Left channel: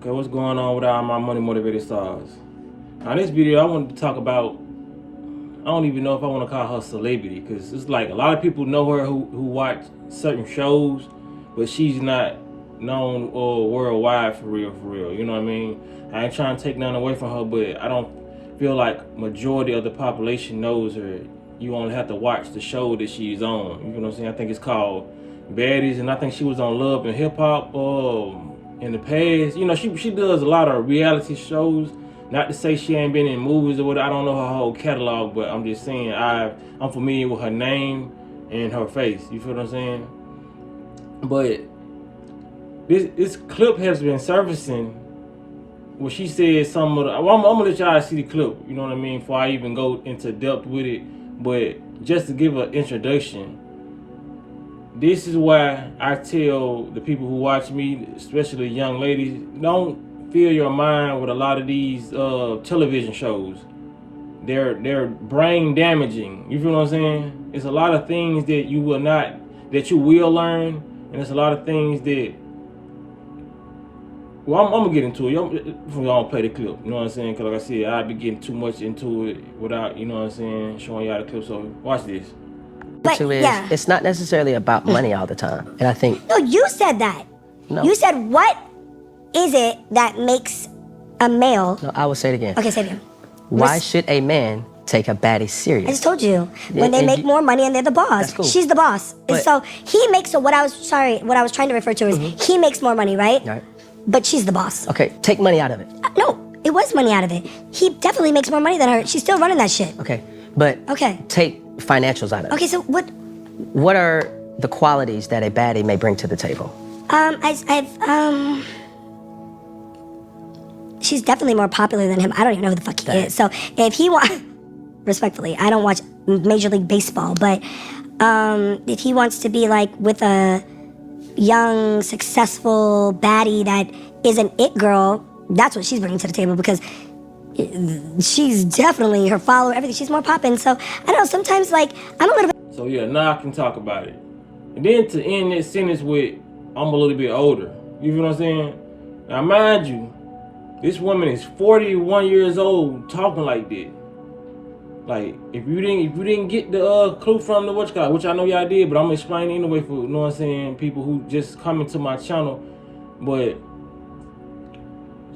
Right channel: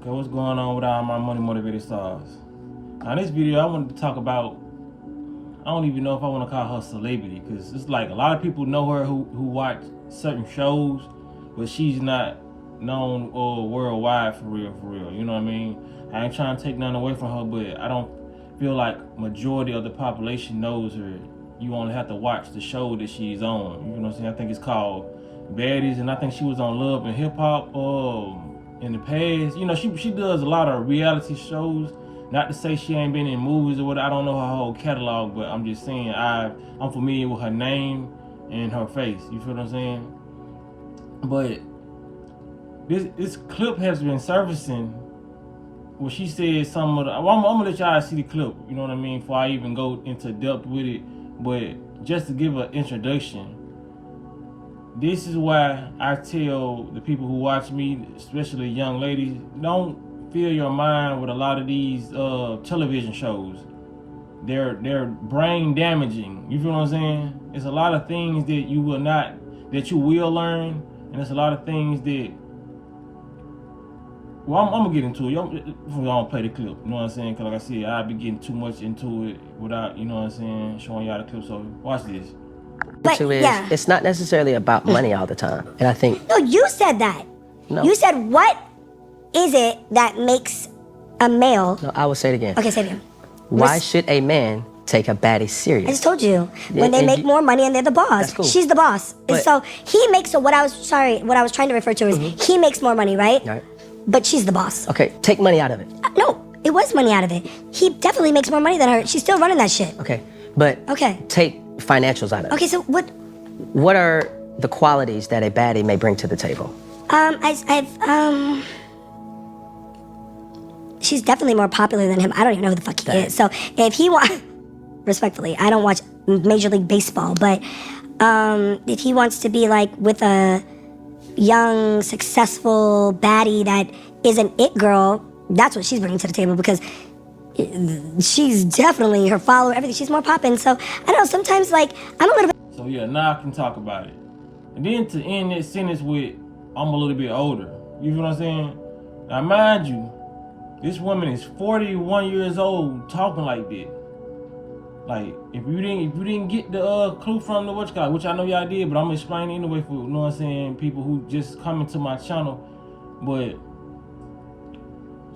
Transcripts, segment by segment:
Okay, what's going on with all my money motivated stars? Now, in this video, I wanted to talk about, I don't even know if I want to call her celebrity, because it's like a lot of people know her who watch certain shows, but she's not known worldwide for real, you know what I mean? I ain't trying to take nothing away from her, but I don't feel like majority of the population knows her. You only have to watch the show that she's on, you know what I'm saying? I think it's called Baddies, and I think she was on Love and Hip Hop in the past. You know, she does a lot of reality shows. Not to say she ain't been in movies or whatever. I don't know her whole catalog, but I'm just saying I'm familiar with her name and her face. You feel what I'm saying? But this clip has been surfacing where she said some of the. I'm gonna let y'all see the clip. You know what I mean? Before I even go into depth with it, but just to give an introduction. This is why I tell the people who watch me, especially young ladies, don't fill your mind with a lot of these television shows. They're brain damaging. You feel what I'm saying? It's a lot of things that you will learn, and it's a lot of things that. Well, I'm gonna get into it. I'm gonna play the clip. You know what I'm saying? Because like I said, I'd be getting too much into it without, you know what I'm saying, showing y'all the clip. So watch this. But yeah, it's not necessarily about money all the time. And I think no, you said that. No. You said, what is it that makes a male? No, I will say it again. Okay, say it again. Why should a man take a baddie serious? I just told you. When they make more money and they're the boss. That's cool. She's the boss. And so he makes, what I was trying to refer to is he makes more money, right? Right. But she's the boss. Okay, take money out of it. No, it was money out of it. He definitely makes more money than her. She's still running that shit. Okay, but take financials out of it. Okay, so what? What are the qualities that a baddie may bring to the table? She's definitely more popular than him. I don't even know who the fuck he is. So if he respectfully, I don't watch Major League Baseball, but if he wants to be like with a young, successful baddie that is an it girl, that's what she's bringing to the table, because she's definitely, her follower, everything, she's more popping. So I don't know, sometimes like I'm a little bit. So yeah, now I can talk about it. And then to end this sentence with, I'm a little bit older. You feel what I'm saying? Now mind you, this woman is 41 years old talking like that. Like, if you didn't get the clue from the which I know y'all did, but I'm explaining anyway for, you know what I'm saying, people who just come into my channel. But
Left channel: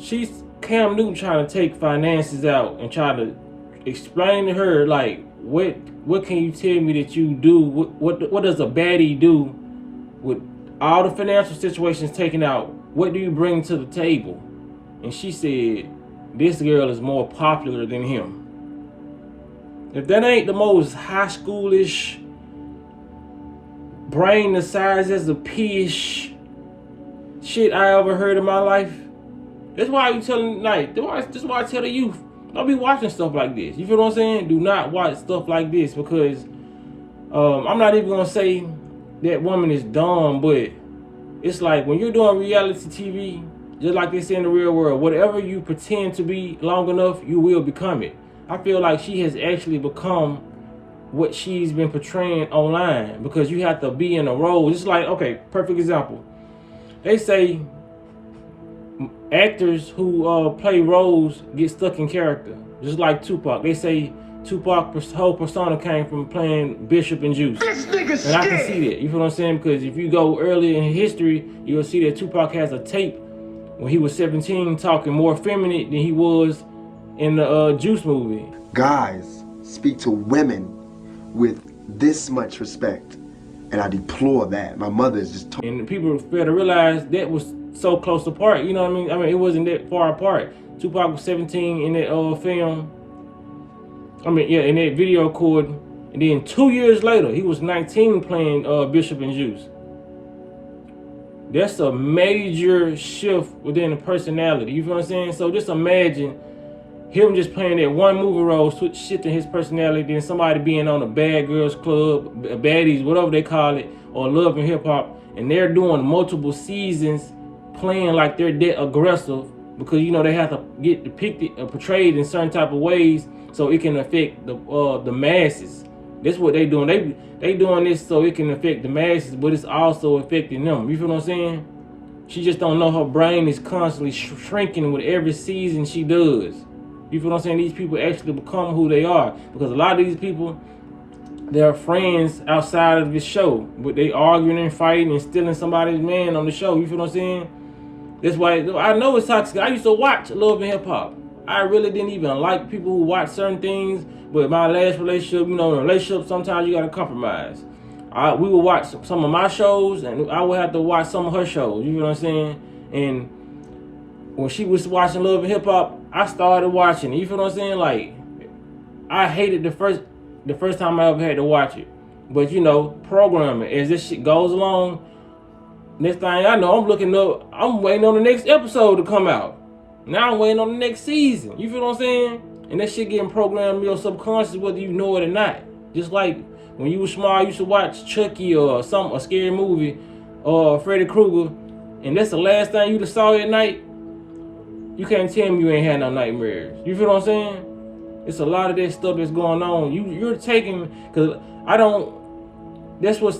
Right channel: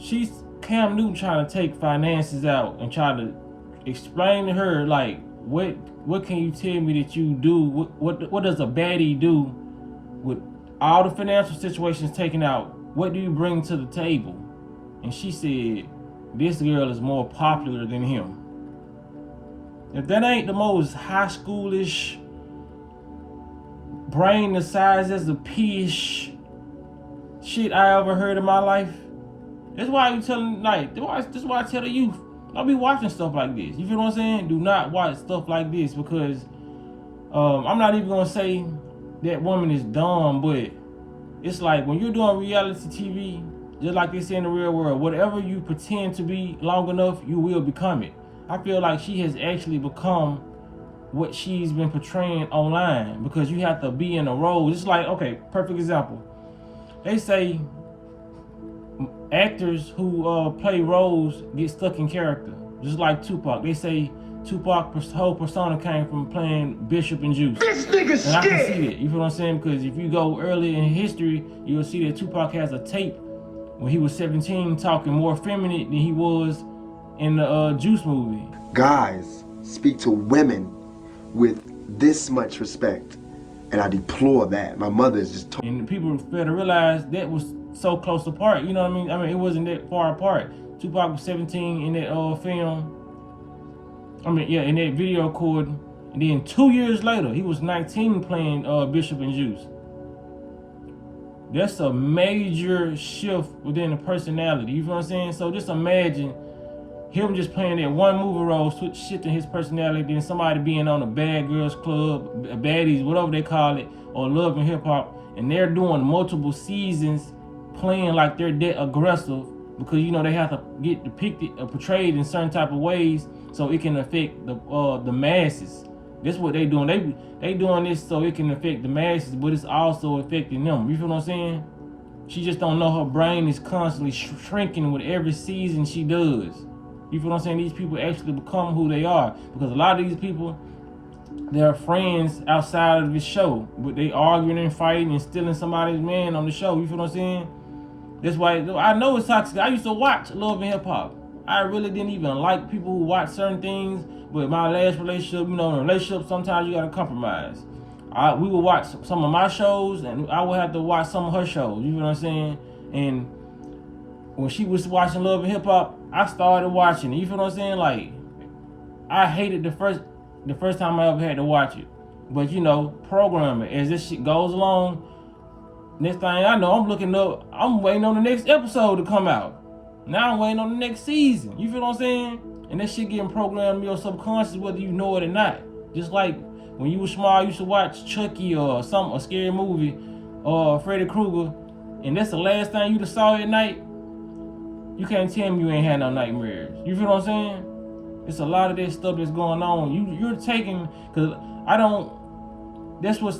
she's Cam Newton trying to take finances out and try to explain to her, like, what can you tell me that you do? What does a baddie do with all the financial situations taken out? What do you bring to the table? And she said, this girl is more popular than him. If that ain't the most high schoolish, brain the size as a pea-ish shit I ever heard in my life, that's why I tell the youth, don't be watching stuff like this. You feel what I'm saying? Do not watch stuff like this, because I'm not even gonna say that woman is dumb, but it's like when you're doing reality TV, just like they say in the real world, whatever you pretend to be long enough, you will become it. I feel like she has actually become what she's been portraying online, because you have to be in a role. It's like, okay, perfect example. They say actors who play roles get stuck in character, just like Tupac. They say Tupac's whole persona came from playing Bishop and Juice. This nigga's and I can see that. You feel what I'm saying? Because if you go early in history, you'll see that Tupac has a tape when he was 17 talking more feminine than he was in the Juice movie. Guys speak to women with this much respect, and I deplore that. My mother is just and people fail to realize that was so close apart. You know what I mean? It wasn't that far apart. Tupac was 17 in that film. In that video recording, and then 2 years later, he was 19 playing Bishop and Juice. That's a major shift within the personality. You feel what I'm saying? So just imagine him just playing that one movie role, shifting his personality, then somebody being on a Bad Girls Club, Baddies, whatever they call it, or Love and Hip Hop, and they're doing multiple seasons playing like they're that aggressive, because you know they have to get depicted or portrayed in certain type of ways so it can affect the masses. That's what they doing. They doing this so it can affect the masses, but it's also affecting them. You feel what I'm saying? She just don't know her brain is constantly shrinking with every season she does. You feel what I'm saying? These people actually become who they are. Because a lot of these people, they're friends outside of the show. But they arguing and fighting and stealing somebody's man on the show. You feel what I'm saying? That's why I know it's toxic. I used to watch Love and Hip Hop. I really didn't even like people who watch certain things. But my last relationship, you know, in a relationship, sometimes you got to compromise. We would watch some of my shows, and I would have to watch some of her shows. You know what I'm saying? And when she was watching Love and Hip Hop, I started watching it. You feel what I'm saying? Like, I hated the first time I ever had to watch it. But you know, programming, as this shit goes along, next thing I know, I'm waiting on the next episode to come out. Now I'm waiting on the next season. You feel what I'm saying? And that shit getting programmed in your subconscious whether you know it or not. Just like when you were small, you used to watch Chucky or a scary movie or Freddy Krueger, and that's the last thing you saw at night. You can't tell me you ain't had no nightmares. You feel what I'm saying? It's a lot of that stuff that's going on. You're taking, because that's what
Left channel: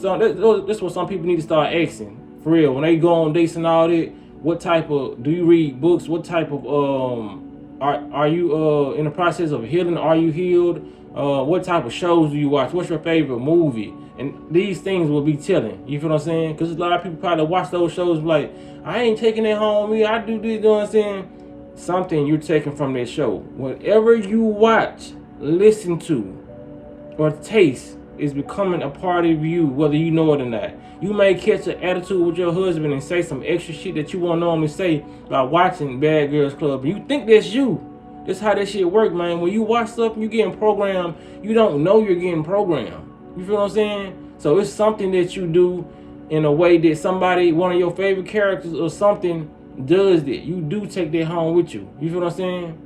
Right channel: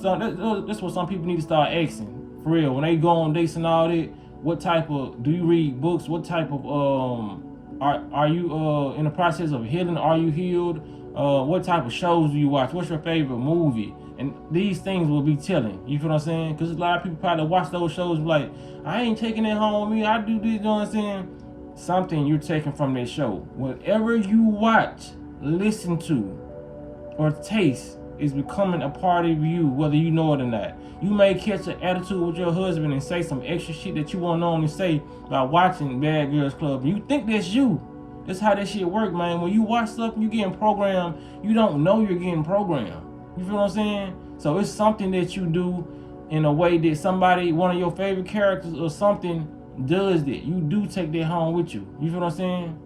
some people need to start asking. For real, when they go on dates and all that, what type of, do you read books? What type of, are you in the process of healing? Are you healed? What type of shows do you watch? What's your favorite movie? And these things will be telling. You feel what I'm saying? Because a lot of people probably watch those shows like, I ain't taking it home with me. I do this, you know what I'm saying? Something you're taking from that show. Whatever you watch, listen to, or taste is becoming a part of you, whether you know it or not. You may catch an attitude with your husband and say some extra shit that you won't normally say by watching Bad Girls Club. You think that's you. That's how that shit work, man. When you watch stuff and you getting programmed, you don't know you're getting programmed. You feel what I'm saying? So it's something that you do in a way that somebody, one of your favorite characters or something, does that. You do take that home with you. You feel what I'm saying?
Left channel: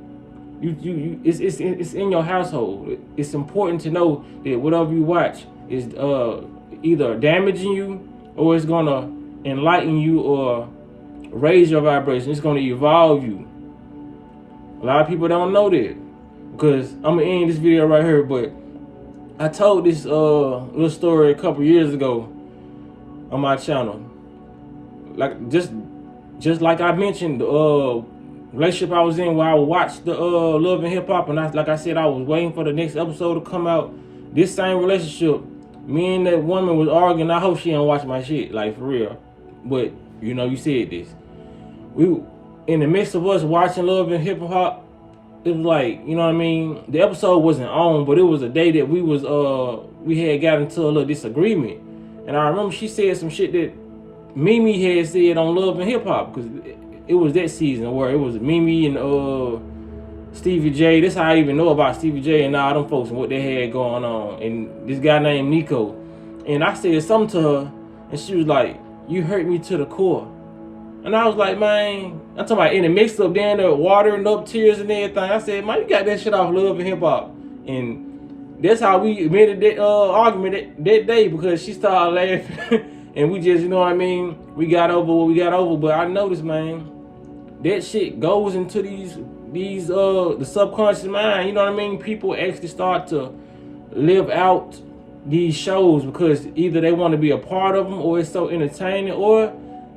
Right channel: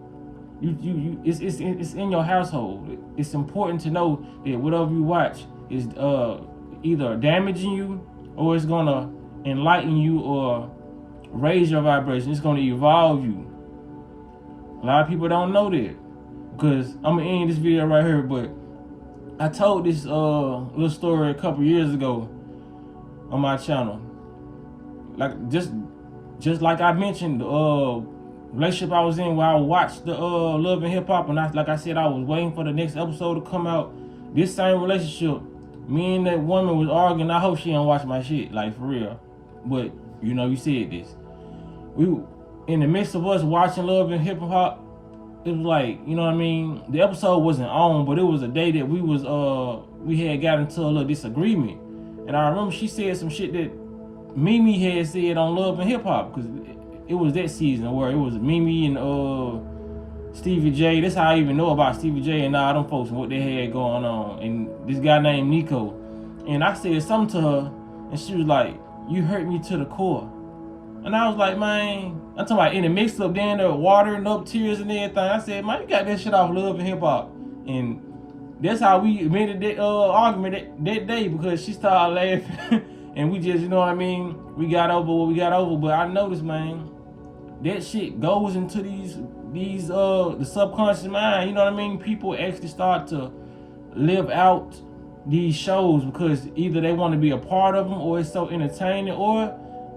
It's in your household. It's important to know that whatever you watch is either damaging you or it's gonna enlighten you or raise your vibration. It's gonna evolve you. A lot of people don't know that, because I'm gonna end this video right here, but I told this little story a couple years ago on my channel. Like just like I mentioned, the relationship I was in where I watched the Love and Hip Hop, and like I said, I was waiting for the next episode to come out. This same relationship, me and that woman was arguing. I hope she don't watch my shit, like for real. But you know, you said this. We in the midst of us watching Love and Hip Hop, it was like, you know what I mean? The episode wasn't on, but it was a day that we had got into a little disagreement. And I remember she said some shit that Mimi had said on Love and Hip Hop, because it was that season where it was Mimi and Stevie J. That's how I even know about Stevie J and all them folks and what they had going on. And this guy named Nico. And I said something to her, and she was like, "You hurt me to the core." And I was like, man, I'm talking about in the mix up down there, watering up tears and everything. I said, man, you got that shit off Love and Hip Hop. And that's how we made that argument that day, because she started laughing. And we just, you know what I mean? We got over what we got over. But I noticed, man, that shit goes into the subconscious mind. You know what I mean? People actually start to live out these shows because either they want to be a part of them, or it's so entertaining, or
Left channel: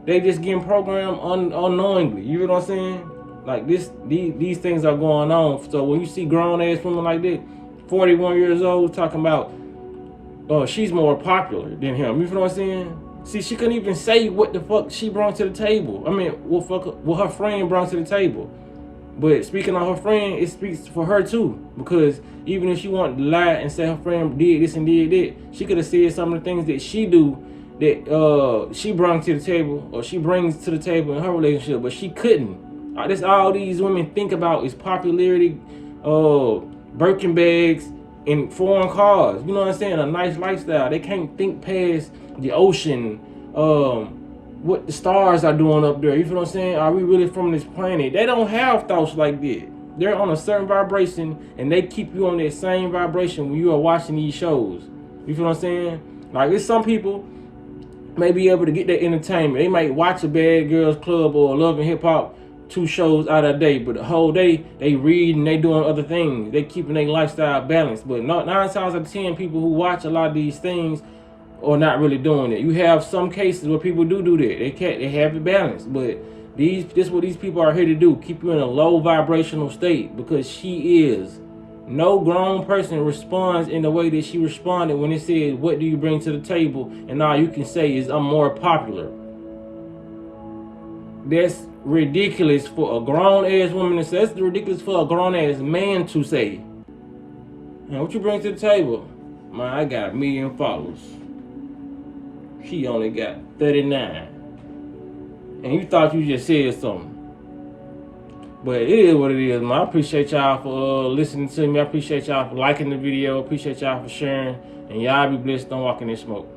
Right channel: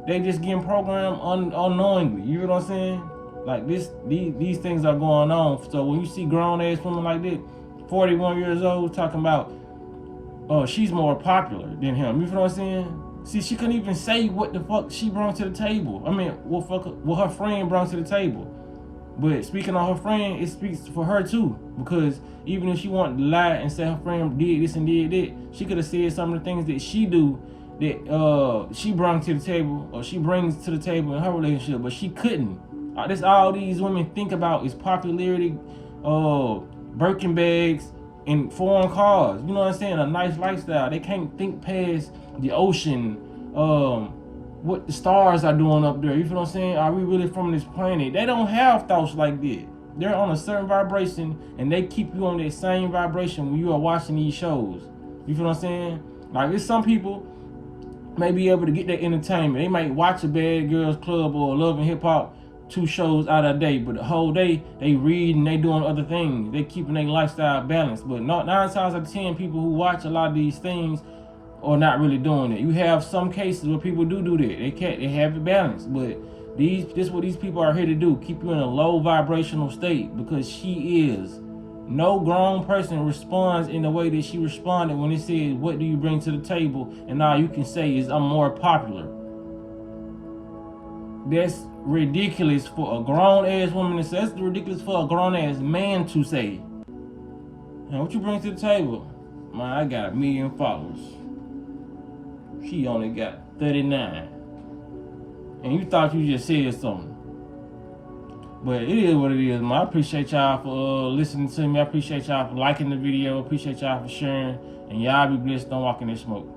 they just getting programmed unknowingly. You know what I'm saying? Like these things are going on. So when you see grown ass women like that, 41 years old, talking about, she's more popular than him. You feel what I'm saying? See, she couldn't even say what the fuck she brought to the table. I mean, what her friend brought to the table. But speaking of her friend, it speaks for her too. Because even if she wanted to lie and say her friend did this and did that, she could have said some of the things that she do that she brought to the table, or she brings to the table in her relationship, but she couldn't. That's all these women think about is popularity, Birkin bags, and foreign cars. You know what I'm saying? A nice lifestyle. They can't think past the ocean, what the stars are doing up there. You feel what I'm saying? Are we really from this planet? They don't have thoughts like that. They're on a certain vibration, and they keep you on that same vibration when you are watching these shows. You feel what I'm saying? Like, there's some people may be able to get that entertainment. They might watch a Bad Girls Club or Love and Hip Hop 2 shows out of a day, but the whole day they read and they doing other things. They keeping their lifestyle balanced. But 9 times out of 10, people who watch a lot of these things or not really doing it. You have some cases where people do that. They have it balanced, but this what these people are here to do, keep you in a low vibrational state, because she is. No grown person responds in the way that she responded when it said, what do you bring to the table? And all you can say is, I'm more popular. That's ridiculous for a grown-ass woman to say. That's ridiculous for a grown-ass man to say. And what you bring to the table? Man, I got 1 million followers. She only got 39. And you thought you just said something. But it is what it is, man. I appreciate y'all for listening to me. I appreciate y'all for liking the video. Appreciate y'all for sharing. And y'all be blessed. Don't walk in this smoke.